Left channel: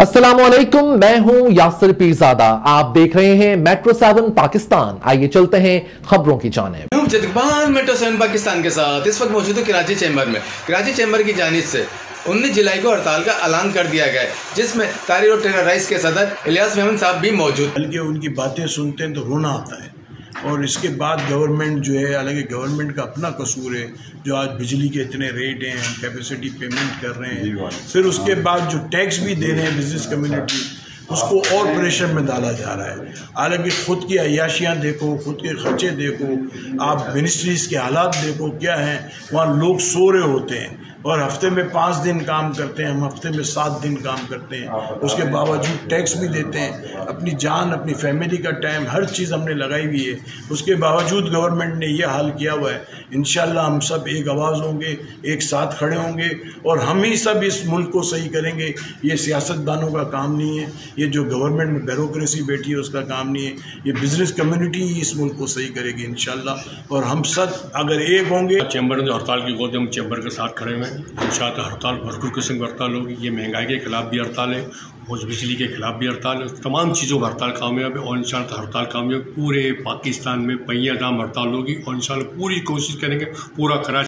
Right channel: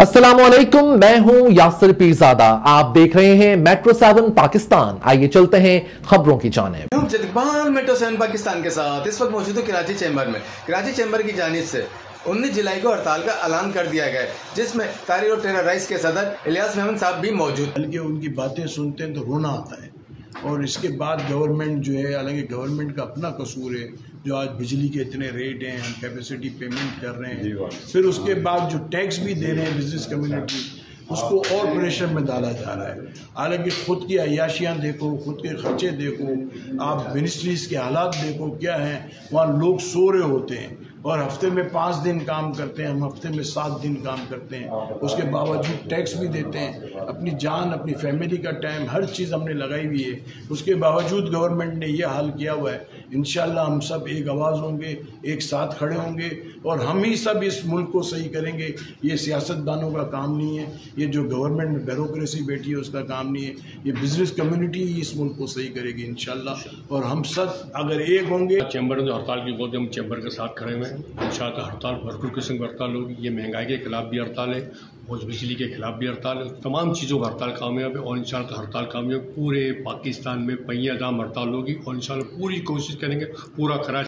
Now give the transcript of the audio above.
अस्सलामुअलैकुम, मैं हूं यासिर पीरजादा। आप देख रहे हैं मेट्रो 7 पाकिस्तान। आइए चलते हैं खबरों की जानिब। मेट्रो 7 पाकिस्तान के साथ इस वक्त मौजूद हूं कराची चैम्बर में। कराची चैम्बर की जानिब से 19 जुलाई को हड़ताल का ऐलान कर दिया गया है, जिसमें तारीर और ट्रेनर राइस के सदर इलियास मेमन साहब भी मौजूद। बल्कि उनकी बातें सुनते हैं तो रोना आता है। और इसके बाद गवर्नमेंट जो है, हालांकि गवर्नमेंट का अपना कसूर है जो आज बिजली के इतने रेट हैं, हम कैपेसिटी पेमेंट कर रहे हैं, फिर उसके बाद जो टैक्स भी दे रहे हैं बिजनेस कम्युनिटी, उसको और प्रेशर में डाला जा रहा है। हालांकि ख़ुद की अय्याशियाँ देखो, ख़ुद के खर्चे देखो, आप मिनिस्ट्रीज़ के हालात देखो क्या हैं। वहाँ लोग सो रहे होते हैं और हफ्ते में 5 दिन काम करते हैं, हम हफ्ते में 7 दिन काम करते हैं। उसके बावजूद टैक्स भी देते हैं, अपनी जान, अपनी फैमिली का टाइम, हर चीज़ हमने लगाई हुई है। उसके बावजूद गवर्नमेंट ने यह हाल किया हुआ है। इंशाल्लाह हम सब एक आवाज़ होंगे, एक साथ खड़े होंगे और हम ही सब इस मुल्क को सही करेंगे। ये सियासतदानों का काम नहीं है, ये जो गवर्नमेंट में ब्यूरोक्रेसी बैठी है उसका काम नहीं है। ये बिजनेस कम्युनिटी ही इस मुल्क को सही करेगी इंशाल्लाह। और हम सब अगर एक होंगे। चैम्बर ने हड़ताल की गोद, हम चैम्बर के साथ खड़े हुए हैं। इंशाल्लाह हड़ताल भरपूर किस्म की हड़ताल होगी। ये महंगाई के खिलाफ भी हड़ताल है और बिजली के खिलाफ भी हड़ताल है। तमाम चीज़ों का हड़ताल कामयाब है और इंशाल्लाह हड़ताल कामयाब पूरे पाकिस्तान में पहिया दाम हड़ताल होगी और इंशाल्लाह पूरी कोशिश करेंगे पूरा कराची